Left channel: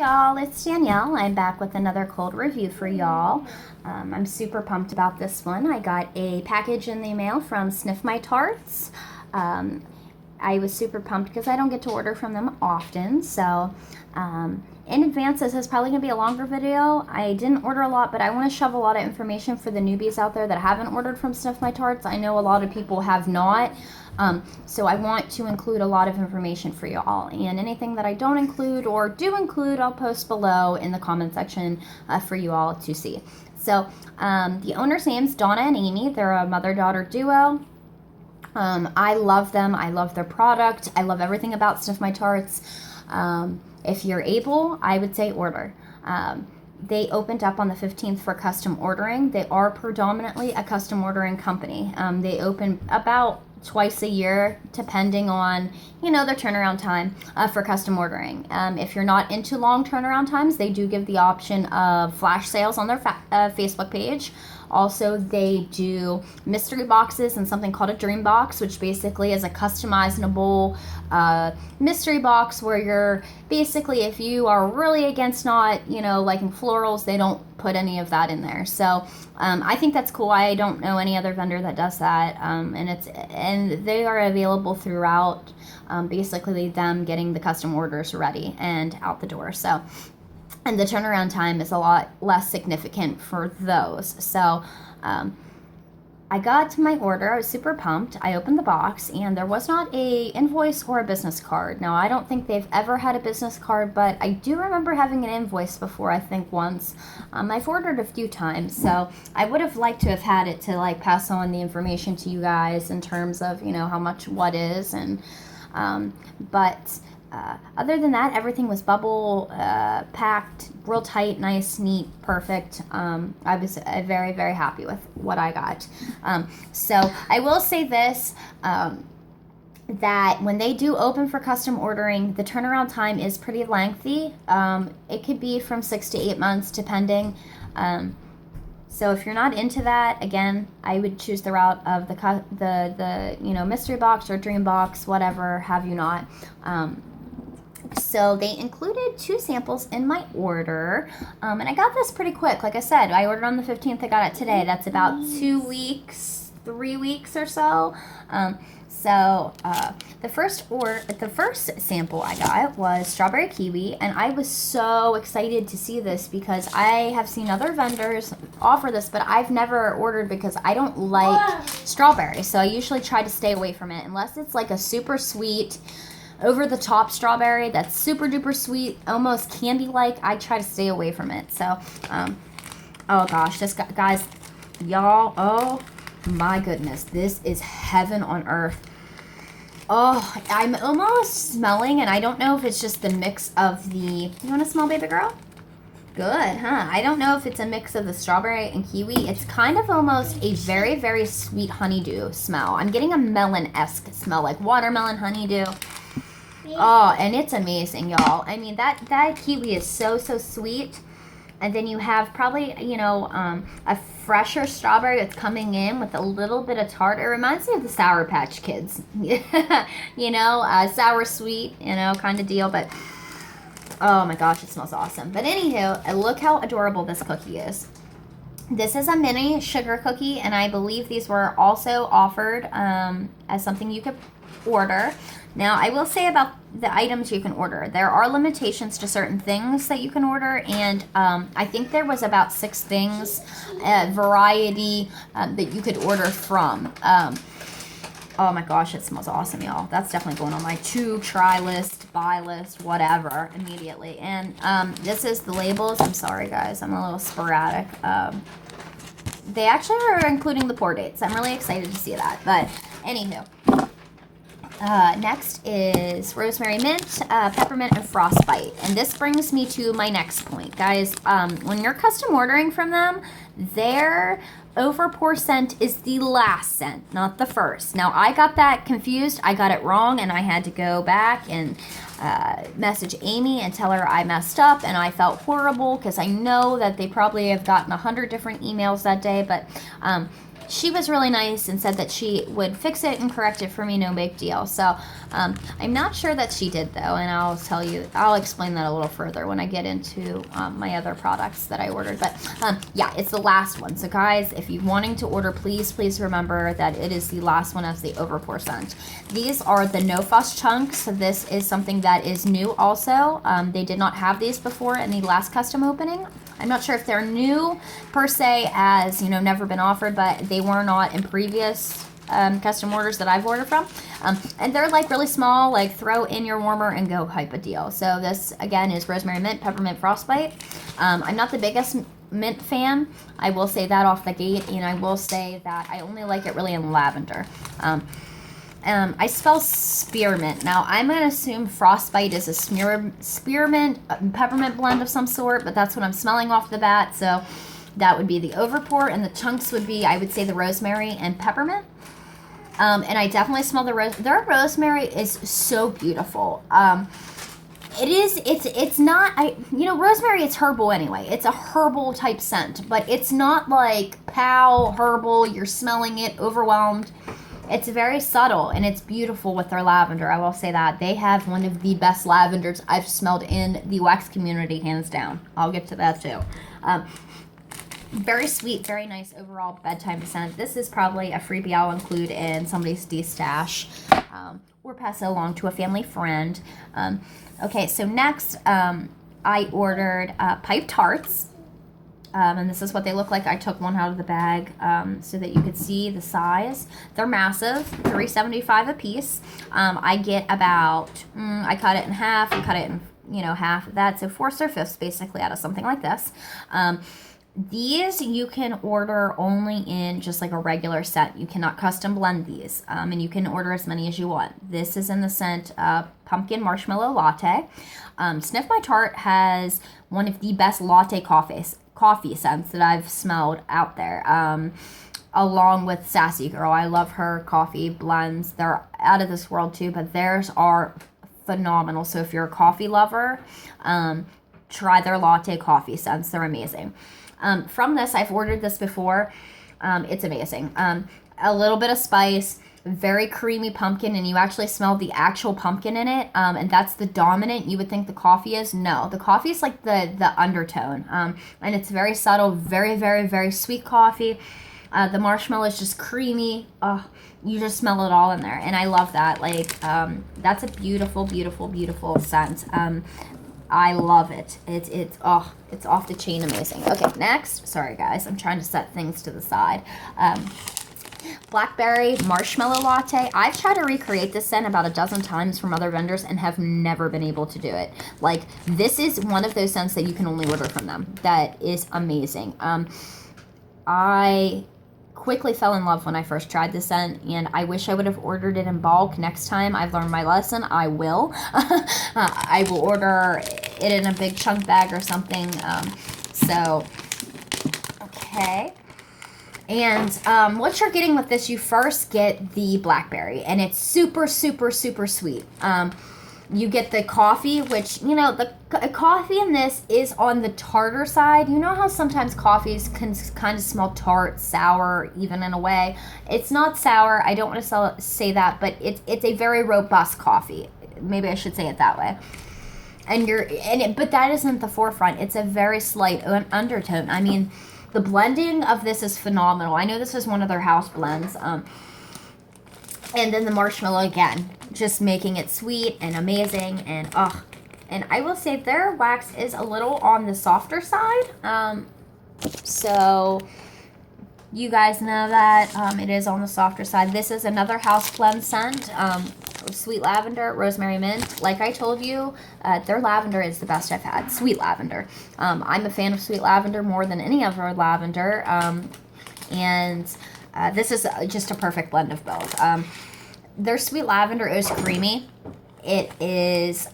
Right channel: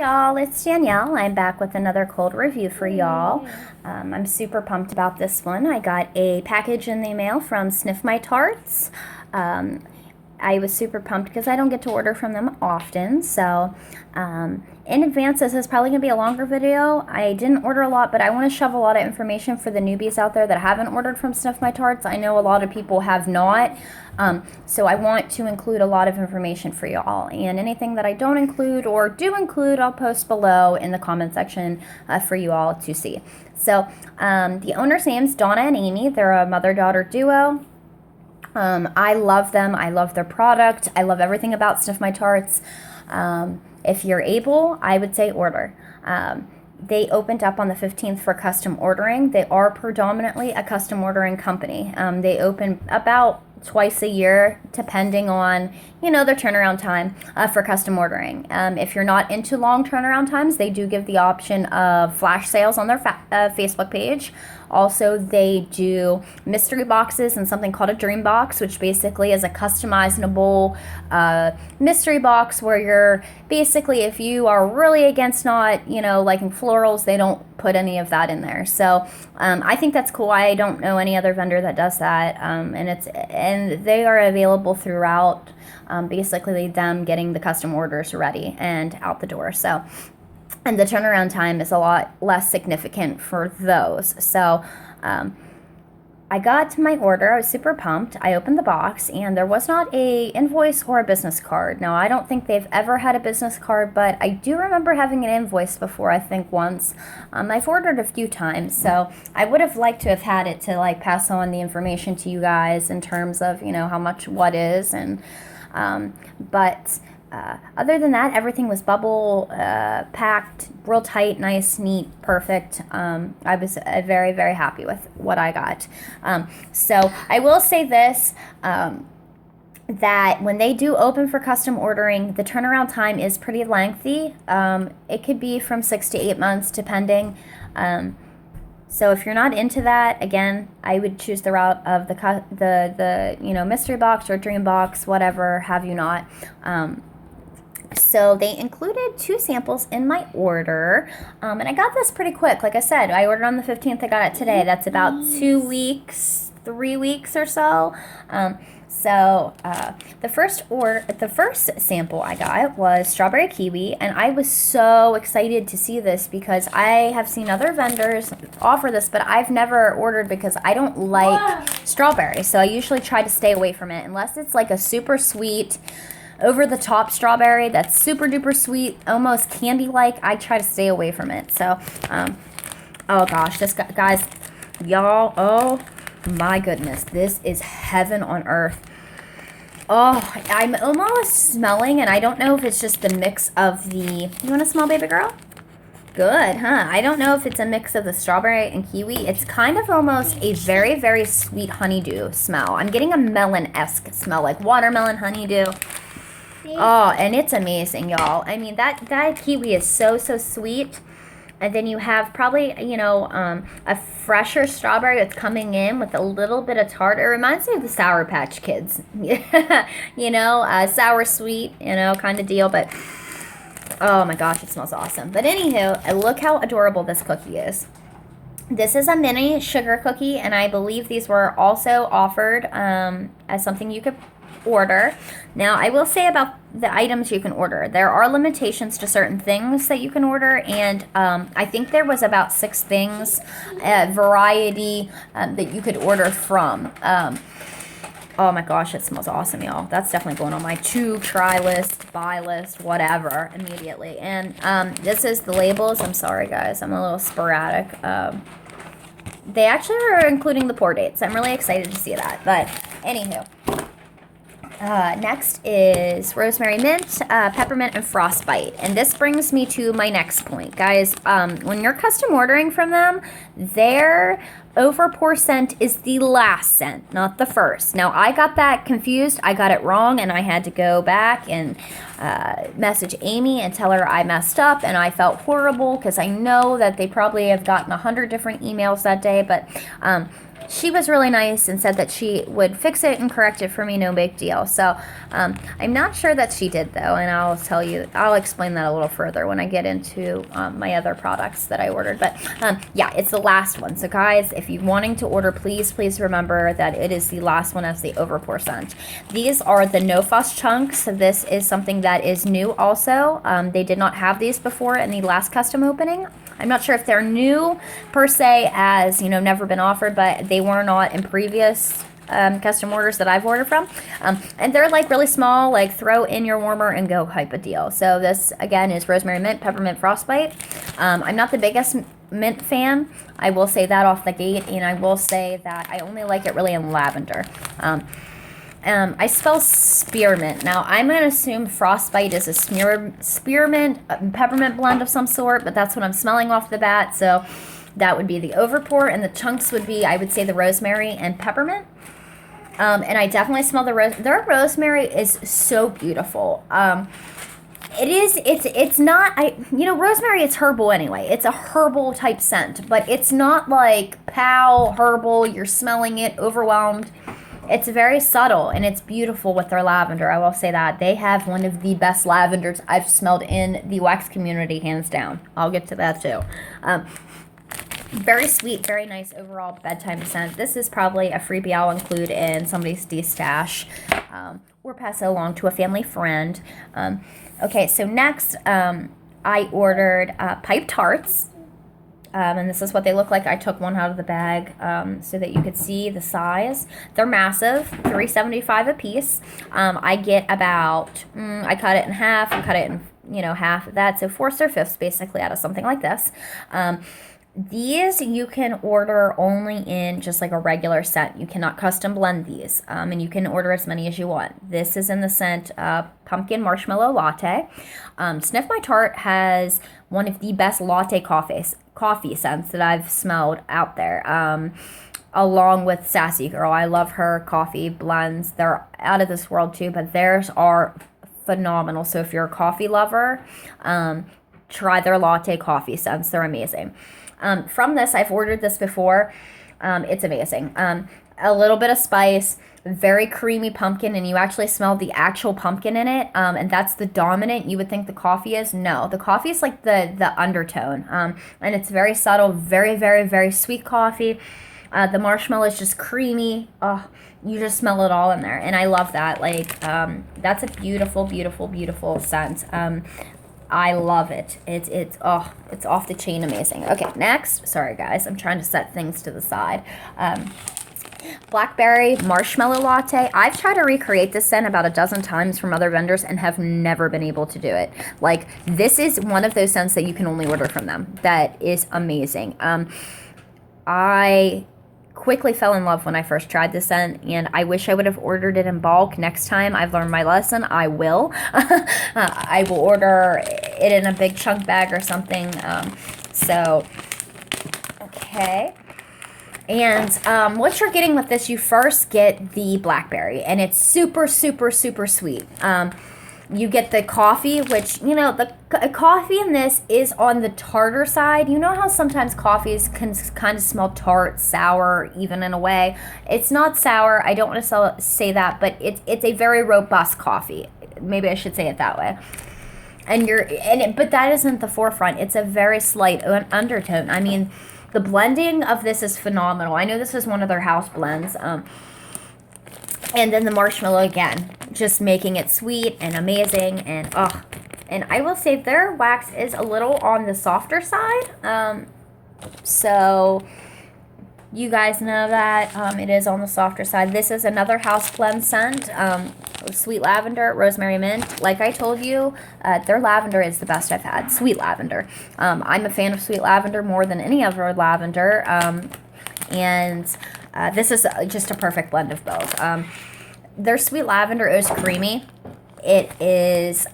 Y'all, it's Danielle. I'm back with another cold review for y'all. I'm super pumped about this one. I got a package in the mail from Sniff My Tarts. I was super pumped because I don't get to order from them often, so in advance, this is probably going to be a longer video. I didn't order a lot, but I want to shove a lot of information for the newbies out there that haven't ordered from Sniff My Tarts. I know a lot of people have not. So I want to include a lot of information for you all, and anything that I don't include or do include, I'll post below in the comment section for you all to see. So the owner's name's Donna and Amy. They're a mother-daughter duo. I love them. I love their product. I love everything about Sniff My Tarts. If you're able, I would say order. They opened up on the 15th for custom ordering. They are predominantly a custom ordering company. They open about twice a year, depending on, their turnaround time for custom ordering. If you're not into long turnaround times, they do give the option of flash sales on their Facebook page. Also, they do mystery boxes and something called a dream box, which basically is a customizable mystery box where you're basically, if you are really against not, liking florals, they don't put any of that in there. So I think that's cool. I don't know any other vendor that does that, and they are available throughout. Basically, them getting the custom orders ready and out the door. So. And the turnaround time is a lot less significant for those. So I got my order. I was super pumped. I opened the box, and there was not a invoice or a business card. Now, I don't think they've ever had a business card, but I do remember having an invoice before, I think once. I've ordered a few times, so I would have liked to have had it to pass on the information to you guys in terms of, how much what is. And but other than that, everything was bubble packed, real tight, nice, neat, perfect. I was very, very happy with what I got. So I will say this, that when they do open for custom ordering, the turnaround time is pretty lengthy. It could be from 6 to 8 months, depending. So if you're not into that, again, I would choose the route of the mystery box or dream box, whatever have you not. So they included 2 samples in my order, and I got this pretty quick. Like I said, I ordered on the 15th. I got it today. That's about 2 weeks, 3 weeks or so. The first sample I got was strawberry kiwi, and I was so excited to see this because I have seen other vendors offer this, but I've never ordered because I don't like strawberry. So I usually try to stay away from it unless it's like a super sweet, over-the-top strawberry that's super duper sweet, almost candy-like. I try to stay away from it. So, oh gosh, guys, y'all, oh my goodness, this is heaven on earth. Oh, I'm almost smelling, and I don't know if it's just the mix of you want to smell, baby girl? Good, huh? I don't know if it's a mix of the strawberry and kiwi. It's kind of almost a very, very sweet honeydew smell. I'm getting a melon-esque smell, like watermelon honeydew. Oh, and it's amazing, y'all. I mean, that kiwi is so, so sweet. And then you have probably, a fresher strawberry that's coming in with a little bit of tart. It reminds me of the Sour Patch Kids. Sour sweet, kind of deal. But, oh my gosh, it smells awesome. But anywho, look how adorable this cookie is. This is a mini sugar cookie, and I believe these were also offered as something you could order. Now, I will say about the items you can order, there are limitations to certain things that you can order, and I think there was about 6 things, variety that you could order from. Oh my gosh, it smells awesome, y'all. That's definitely going on my try list, buy list, whatever, immediately. And this is the labels. I'm sorry, guys. I'm a little sporadic. They actually are including the pour dates. I'm really excited to see that. But anywho. Next is rosemary mint, peppermint, and frostbite. And this brings me to my next point. Guys, when you're custom ordering from them, their overpour scent is the last scent, not the first. Now, I got that confused. I got it wrong, and I had to go back and message Amy and tell her I messed up, and I felt horrible because I know that they probably have gotten 100 different emails that day, but she was really nice and said that she would fix it and correct it for me, no big deal. So I'm not sure that she did though, and I'll explain that a little further when I get into my other products that I ordered. But yeah, it's the last one. So guys, if you're wanting to order, please remember that it is the last one as the overpour scent. These are the No Fuss chunks. So this is something that is new also. They did not have these before in the last custom opening. I'm not sure if they're new per se, as never been offered, but they were not in previous custom orders that I've ordered from. And they're like really small, like throw in your warmer and go type of deal. So this again is rosemary mint, peppermint frostbite. I'm not the biggest mint fan, I will say that off the gate, and I will say that I only like it really in lavender. I spell spearmint. Now, I'm going to assume frostbite is a spearmint peppermint blend of some sort, but that's what I'm smelling off the bat. So that would be the overpour, and the chunks would be, I would say, the rosemary and peppermint. And I definitely smell their rosemary is so beautiful. It's not, rosemary, it's herbal anyway. It's a herbal type scent, but it's not like pow, herbal, you're smelling it, overwhelmed. It's very subtle, and it's beautiful with their lavender. I will say that. They have one of the best lavenders I've smelled in the wax community, hands down. I'll get to that too. Very sweet, very nice overall bedtime scent. This is probably a freebie I'll include in somebody's de-stash or pass it along to a family friend. Okay, so next I ordered pipe tarts. And this is what they look like. I took one out of the bag so that you could see the size. They're massive, $3.75 a piece. I get about, I cut it in half, I cut it in, half of that. So 4/5 basically out of something like this. These you can order only in just like a regular set. You cannot custom blend these, and you can order as many as you want. This is in the scent Pumpkin Marshmellow Latte. Sniff My Tart has one of the best latte coffee scents that I've smelled out there, along with Sassy Girl. I love her coffee blends. They're out of this world too, but theirs are phenomenal. So if you're a coffee lover, try their latte coffee scents. They're amazing. From this, I've ordered this before. It's amazing. A little bit of spice, very creamy pumpkin, and you actually smell the actual pumpkin in it, and that's the dominant. You would think the coffee is. No, the coffee is like the undertone, and it's very subtle, very, very, very sweet coffee. The marshmallow is just creamy. Oh, you just smell it all in there, and I love that. Like, that's a beautiful, beautiful, beautiful scent. I love it. It's off the chain amazing. Okay, next. Sorry guys, I'm trying to set things to the side. Blackberry Marshmellow Latte. I've tried to recreate this scent about a dozen times from other vendors and have never been able to do it. Like, this is one of those scents that you can only order from them. That is amazing. I quickly fell in love when I first tried this scent, and I wish I would have ordered it in bulk. Next time I've learned my lesson, I will. I will order it in a big chunk bag or something. Okay. And what you're getting with this, you first get the blackberry, and it's super, super, super sweet. You get the coffee, which, the coffee in this is on the tartar side. You know how sometimes coffees can kind of smell tart, sour, even in a way. It's not sour. I don't want to say that, but it's a very robust coffee. Maybe I should say it that way. But that isn't the forefront. It's a very slight undertone. I mean, the blending of this is phenomenal. I know this is one of their house blends. And then the marshmallow again, just making it sweet and amazing. And I will say their wax is a little on the softer side. So you guys know that it is on the softer side. This is another house blend scent. Sweet lavender, rosemary mint. Like I told you, their lavender is the best I've had. Sweet lavender. I'm a fan of sweet lavender more than any other lavender. This is just a perfect blend of both. Their sweet lavender is creamy. It is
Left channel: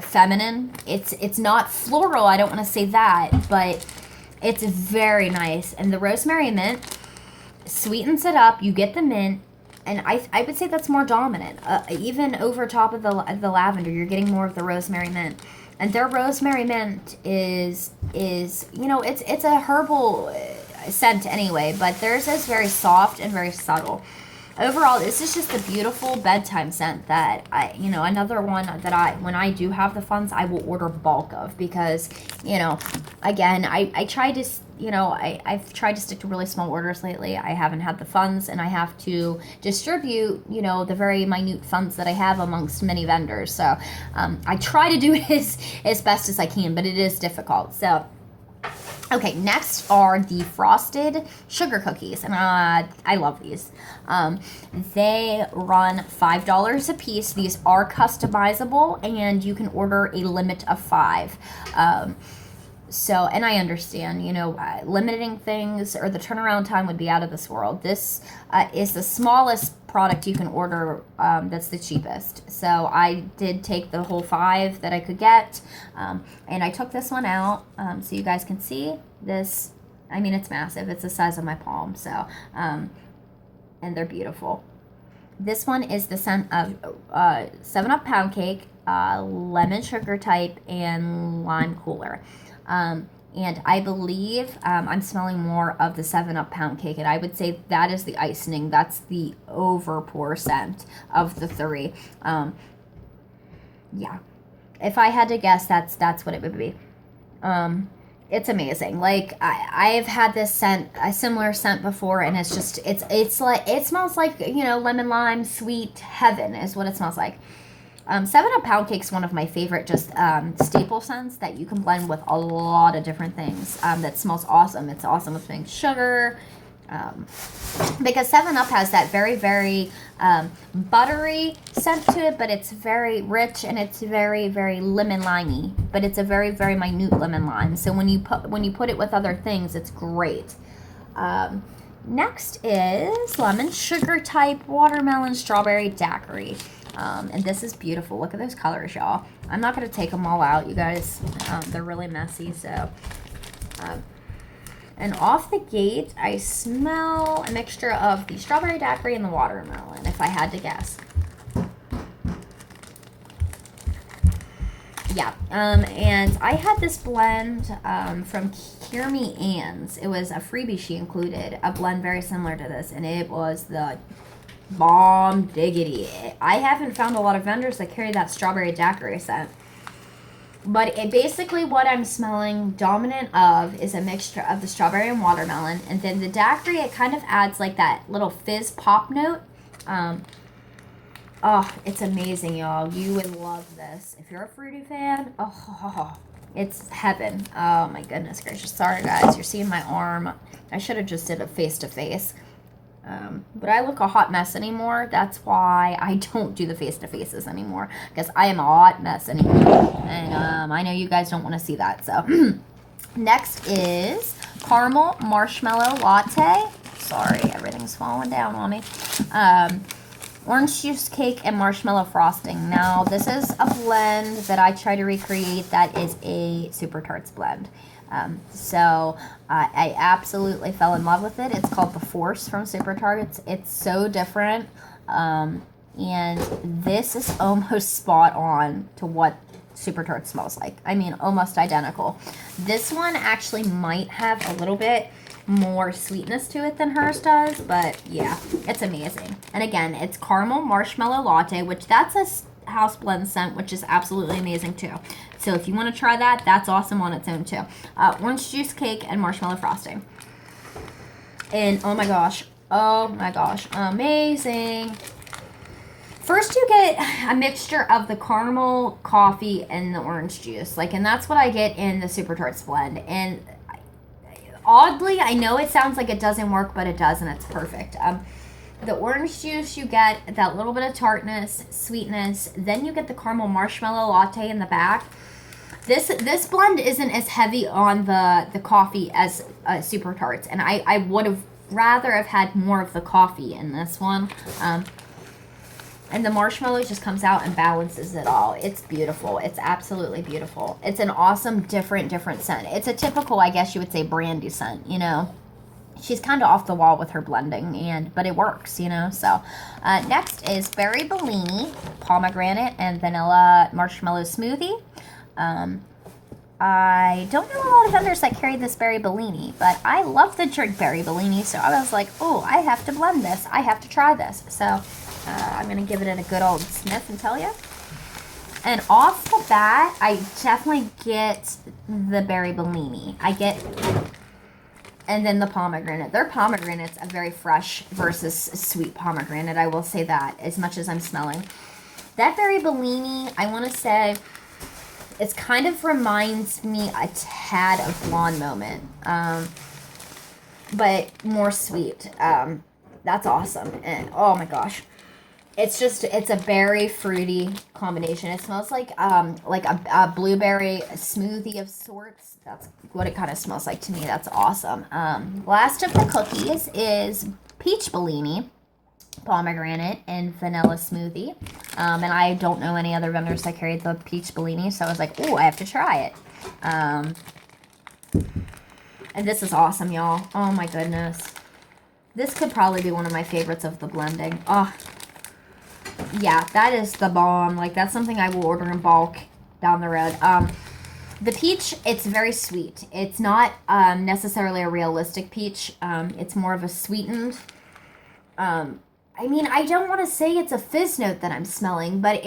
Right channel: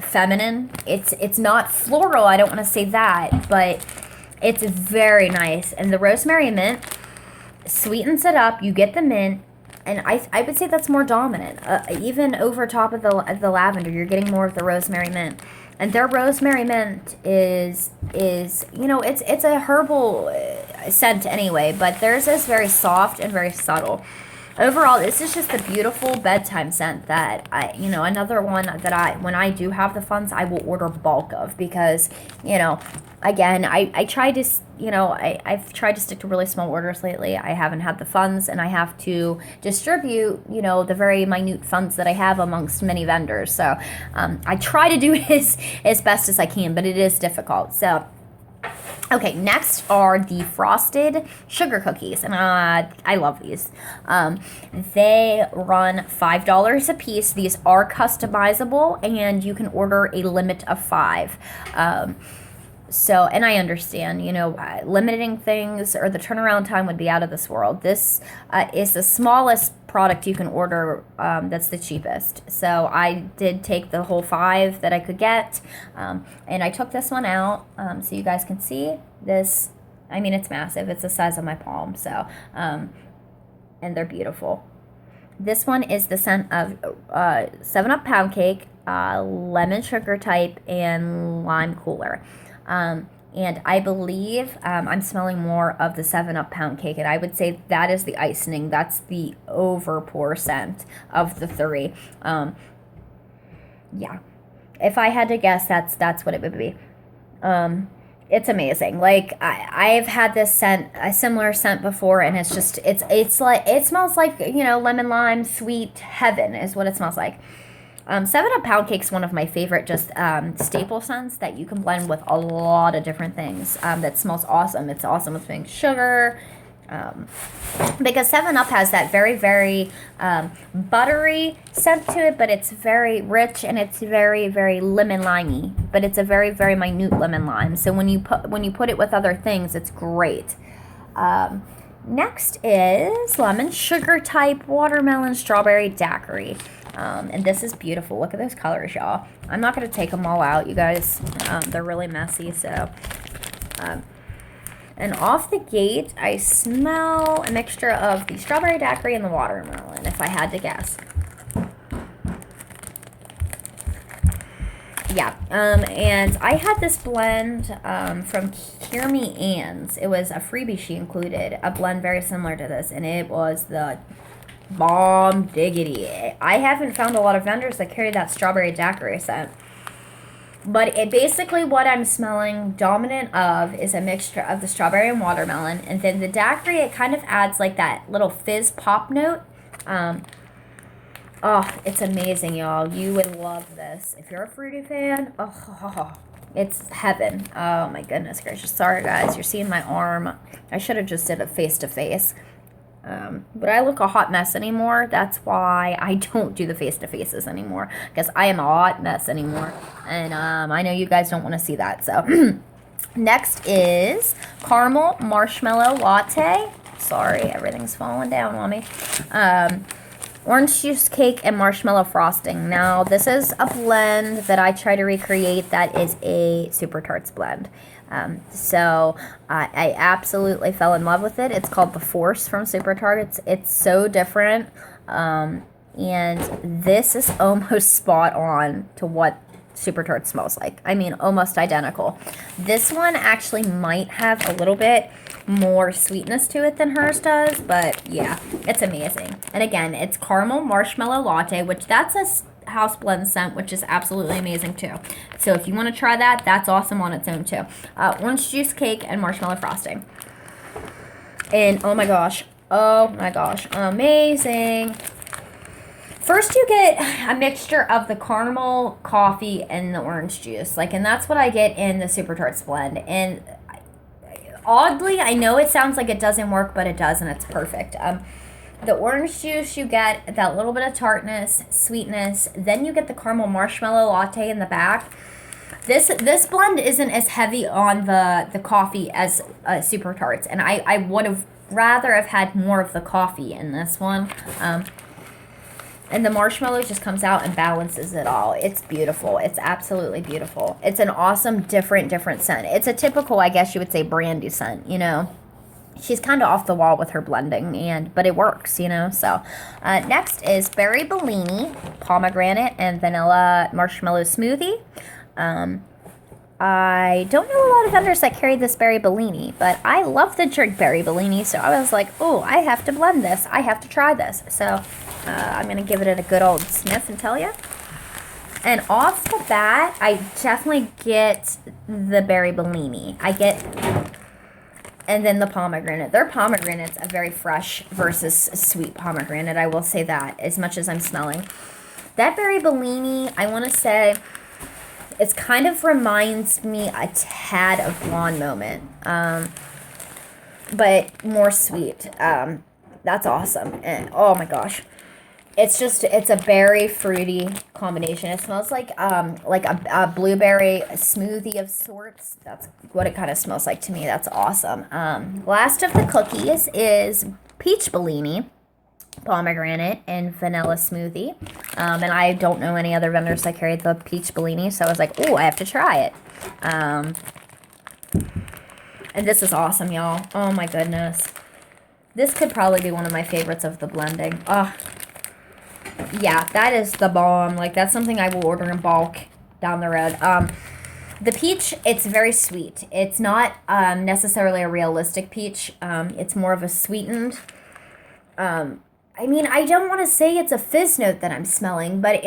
feminine. It's not floral. I don't want to say that, but it's very nice. And the rosemary mint sweetens it up. You get the mint. And I would say that's more dominant. Even over top of the lavender, you're getting more of the rosemary mint. And their rosemary mint is it's a herbal scent anyway, but theirs is very soft and very subtle. overall, this is just a beautiful bedtime scent that another one that when I do have the funds, I will order bulk of because, again, I try to, I've tried to stick to really small orders lately. I haven't had the funds, and I have to distribute, the very minute funds that I have amongst many vendors. So I try to do it as best as I can, but it is difficult. So, okay, next are the frosted sugar cookies, and I love these. They run $5 a piece. These are customizable, and you can order a limit of 5. So, and I understand, limiting things or the turnaround time would be out of this world. This is the smallest product you can order that's the cheapest. So I did take the whole 5 that I could get, and I took this one out so you guys can see this. I mean, it's massive. It's the size of my palm. So, and they're beautiful. This one is the scent of 7-Up Poundcake, lemon sugar type, and lime cooler. And I believe I'm smelling more of the 7-Up Poundcake, and I would say that is the icing. That's the overpour scent of the 3. Yeah, if I had to guess, that's what it would be. It's amazing. Like I've had this scent, a similar scent before, and it's like it smells like lemon lime sweet heaven is what it smells like. 7-Up Poundcake's one of my favorite just staple scents that you can blend with a lot of different things. That smells awesome. It's awesome with pink sugar. Because 7-Up has that very, very buttery scent to it, but it's very rich and it's very, very lemon limey. But it's a very, very minute lemon lime. So when you put it with other things, it's great. Next is lemon sugar type watermelon strawberry daiquiri. And this is beautiful. Look at those colors, y'all. I'm not going to take them all out, you guys. They're really messy, so. And off the gate, I smell a mixture of the strawberry daiquiri and the watermelon, if I had to guess. Yeah, and I had this blend from Hear Me Ann's. It was a freebie she included, a blend very similar to this, and it was the bomb diggity. I haven't found a lot of vendors that carry that strawberry daiquiri scent. But it basically what I'm smelling dominant of is a mixture of the strawberry and watermelon. And then the daiquiri, it kind of adds like that little fizz pop note. Oh, it's amazing, y'all. You would love this. If you're a fruity fan, it's heaven. Oh, my goodness gracious. Sorry, guys. You're seeing my arm. I should have just did a face-to-face. But I look a hot mess anymore. That's why I don't do the face-to-faces anymore. Because I am a hot mess anymore. And I know you guys don't want to see that. So, next is Caramel Marshmellow Latte. Sorry, everything's falling down on me. Orange juice cake and marshmallow frosting. Now, this is a blend that I try to recreate that is a Super Tarts blend. So I absolutely fell in love with it. It's called The Force from Super Tarts. It's so different. And this is almost spot on to what Super Tarts smells like. I mean, almost identical. This one actually might have a little bit more sweetness to it than hers does, but yeah, it's amazing. And again, it's Caramel Marshmellow Latte, which that's a house blend scent, which is absolutely amazing too. So if you want to try that, that's awesome on its own too. Orange juice cake and marshmallow frosting. And oh my gosh, amazing. First you get a mixture of the caramel, coffee, and the orange juice. And that's what I get in the Super Tarts blend. And oddly, I know it sounds like it doesn't work, but it does, and it's perfect. The orange juice, you get that little bit of tartness, sweetness. Then you get the caramel marshmallow latte in the back. This blend isn't as heavy on the coffee as Super Tarts, and I would have rather have had more of the coffee in this one. And the marshmallow just comes out and balances it all. It's beautiful. It's absolutely beautiful. It's an awesome, different scent. It's a typical, I guess you would say, brandy scent, She's kind of off the wall with her blending, but it works, So, next is Berry Bellini, Pomegranate, and Vanilla Marshmallow Smoothie. I don't know a lot of vendors that carry this berry Bellini, but I love the drink berry Bellini, so I was like, oh, I have to blend this. I have to try this. So I'm going to give it a good old sniff and tell you. And off the bat, I definitely get the berry Bellini. And then the pomegranate. Their pomegranate's a very fresh versus sweet pomegranate. I will say that, as much as I'm smelling. That berry Bellini, I want to say, it kind of reminds me a tad of Blonde Moment, but more sweet. That's awesome. And, oh my gosh. It's a berry fruity combination. It smells like a blueberry smoothie of sorts. That's what it kind of smells like to me. That's awesome. Last of the cookies is peach Bellini, pomegranate, and vanilla smoothie. And I don't know any other vendors that carry the peach Bellini, so I was like, oh, I have to try it. And this is awesome, y'all. Oh my goodness. This could probably be one of my favorites of the blending. Oh, yeah, that is the bomb. Like, that's something I will order in bulk down the road. The peach, it's very sweet. It's not necessarily a realistic peach. It's more of a sweetened. I mean, I don't want to say it's a fizz note that I'm smelling, but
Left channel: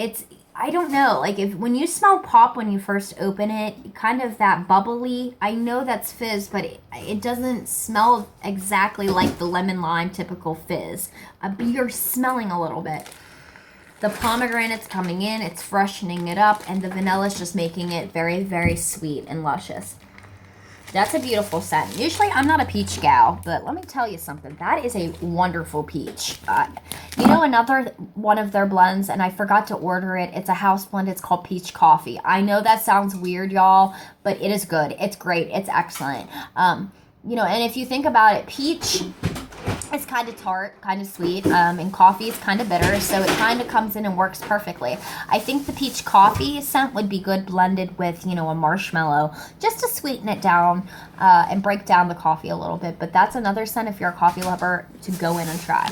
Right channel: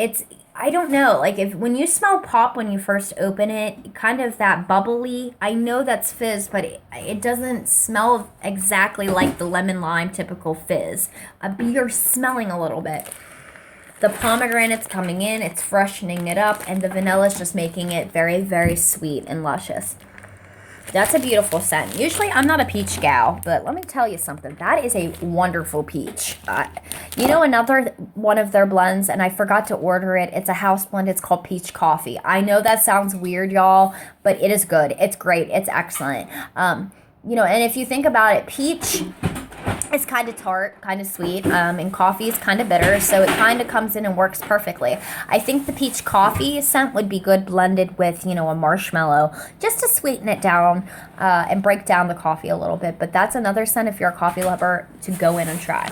I don't know. Like, when you smell pop when you first open it, kind of that bubbly, I know that's fizz, but it doesn't smell exactly like the lemon lime typical fizz. You're smelling a little bit. The pomegranate's coming in, it's freshening it up, and the vanilla's just making it very, very sweet and luscious. That's a beautiful scent. Usually I'm not a peach gal, but let me tell you something. That is a wonderful peach. You know, another one of their blends, and I forgot to order it. It's a house blend. It's called Peach Coffee. I know that sounds weird, y'all, but it is good. It's great. It's excellent. You know, and if you think about it, peach is kind of tart, kind of sweet, and coffee is kind of bitter, so it kind of comes in and works perfectly. I think the peach coffee scent would be good blended with, you know, a marshmallow, just to sweeten it down and break down the coffee a little bit. But that's another scent, if you're a coffee lover, to go in and try.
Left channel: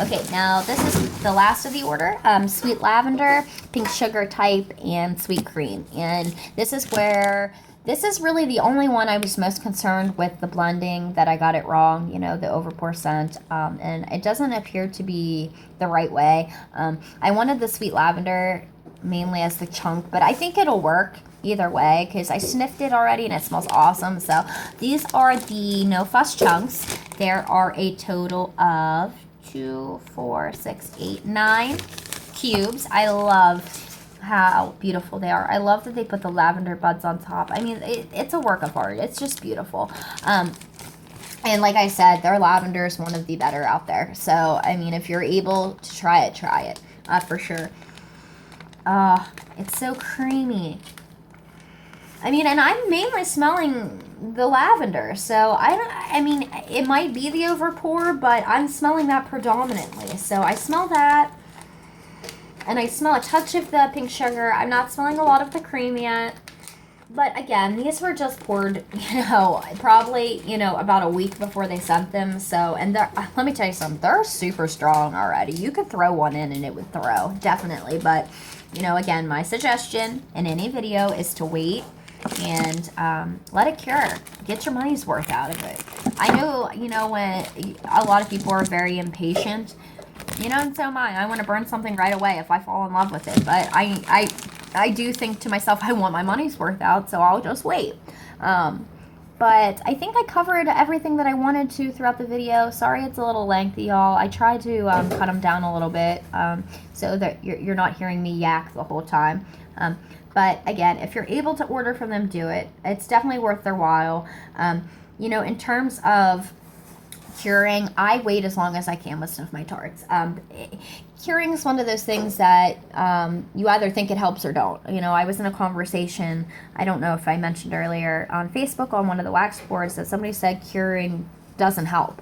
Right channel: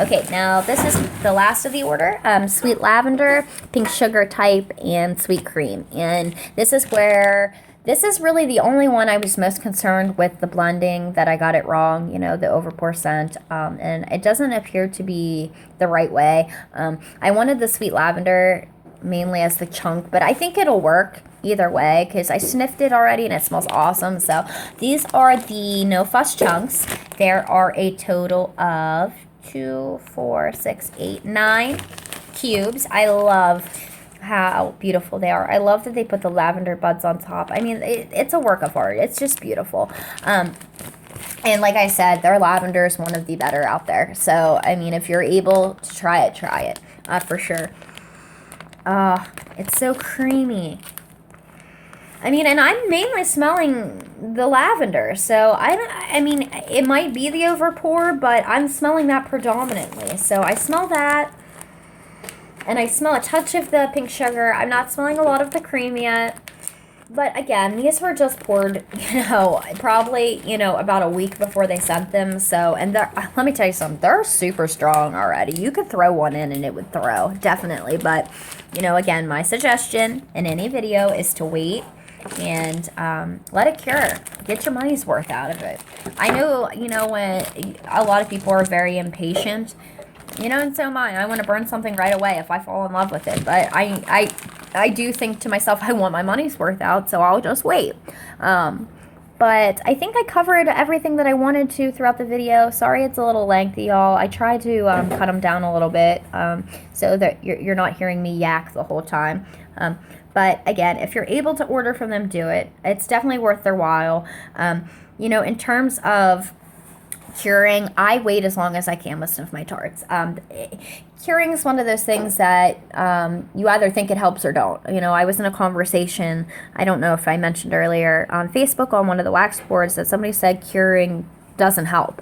Okay, now this is the last of the order. Sweet lavender, pink sugar type, and sweet cream. And this is really the only one I was most concerned with the blending, that I got it wrong, you know, the overpour scent, and it doesn't appear to be the right way. I wanted the sweet lavender mainly as the chunk, but I think it'll work either way because I sniffed it already and it smells awesome. So these are the No Fuss chunks. There are a total of 2, 4, 6, 8, 9 cubes. I love how beautiful they are. I love that they put the lavender buds on top. I mean, it's a work of art. It's just beautiful. And like I said, their lavender is one of the better out there. So, I mean, if you're able to try it for sure. Oh, it's so creamy. I mean, and I'm mainly smelling the lavender. So, I mean, it might be the overpour, but I'm smelling that predominantly. So, I smell that. And I smell a touch of the pink sugar. I'm not smelling a lot of the cream yet. But again, these were just poured, you know, probably, you know, about a week before they sent them. So, and let me tell you something, they're super strong already. You could throw one in and it would throw, definitely. But, you know, again, my suggestion in any video is to wait and let it cure. Get your money's worth out of it. I know, you know, when a lot of people are very impatient, you know, and so am I. I want to burn something right away if I fall in love with it. But I do think to myself, I want my money's worth out, so I'll just wait. But I think I covered everything that I wanted to throughout the video. Sorry it's a little lengthy, y'all. I tried to cut them down a little bit so that you're not hearing me yak the whole time. But again, if you're able to order from them, do it. It's definitely worth their while. You know, in terms of curing, I wait as long as I can with Sniff My Tarts. Curing is one of those things that you either think it helps or don't. You know, I was in a conversation, I don't know if I mentioned earlier, on Facebook on one of the wax boards that somebody said curing doesn't help,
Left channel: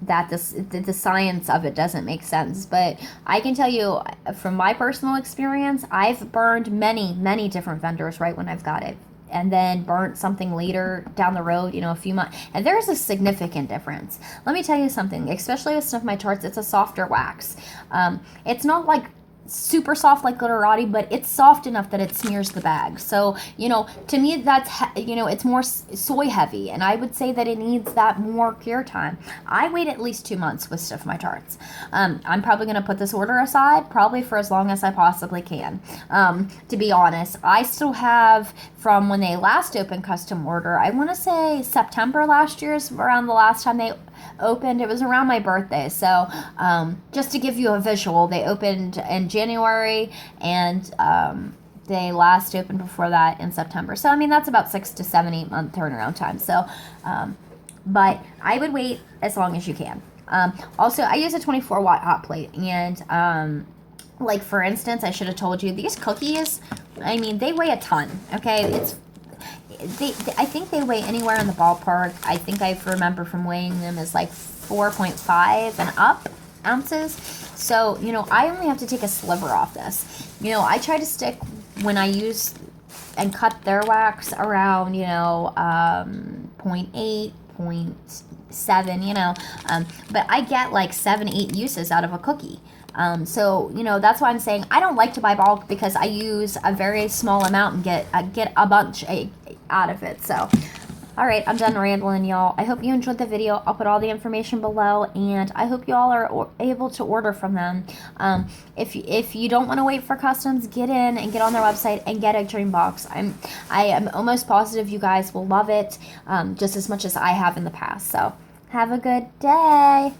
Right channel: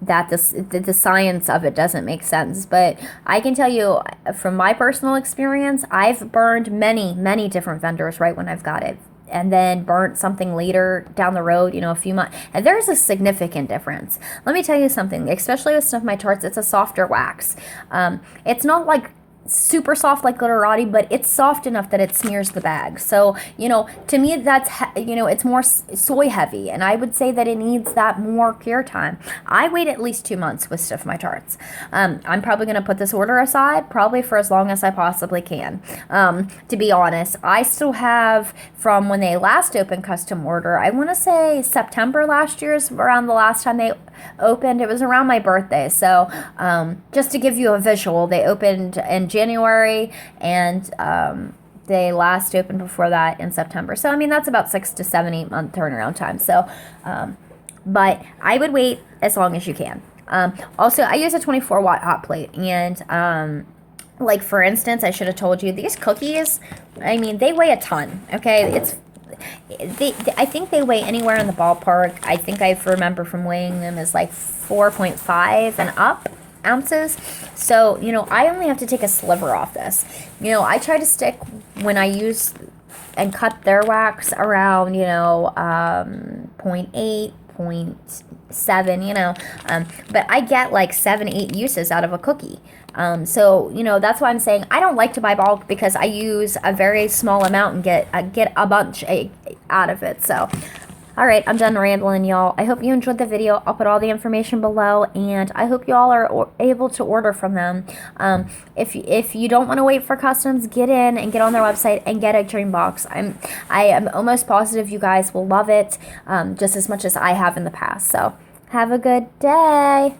that the science of it doesn't make sense. But I can tell you from my personal experience, I've burned many different vendors right when I've got it, and then burnt something later down the road, you know, a few months. And there's a significant difference. Let me tell you something, especially with Sniff My Tarts, it's a softer wax. It's not like super soft like glitterati, but it's soft enough that it smears the bag. So, to me, that's, it's more soy heavy, and I would say that it needs that more cure time. I wait at least 2 months with Sniff My Tarts. I'm probably going to put this order aside probably for as long as I possibly can. To be honest, I still have from when they last opened custom order, I want to say September last year is around the last time they opened. It was around my birthday. So just to give you a visual, they opened in January, and they last opened before that in September. So, I mean, that's about 6 to 7, 8 month turnaround time. So, but I would wait as long as you can. Also, I use a 24-watt hot plate, and like, for instance, I should have told you, these cookies, I mean, they weigh a ton, okay? I think they weigh anywhere in the ballpark. I think I remember from weighing them as like 4.5 and up ounces. So, I only have to take a sliver off this. I try to stick, when I use and cut their wax, around, 0.8, 0.7, but I get like 7, 8 uses out of a cookie. So, that's why I'm saying I don't like to buy bulk, because I use a very small amount and get a bunch out of it. So, all right, I'm done rambling, y'all. I hope you enjoyed the video. I'll put all the information below, and I hope you all are able to order from them. If you don't want to wait for customs, get in and get on their website and get a dream box. I am almost positive you guys will love it just as much as I have in the past. So, have a good day.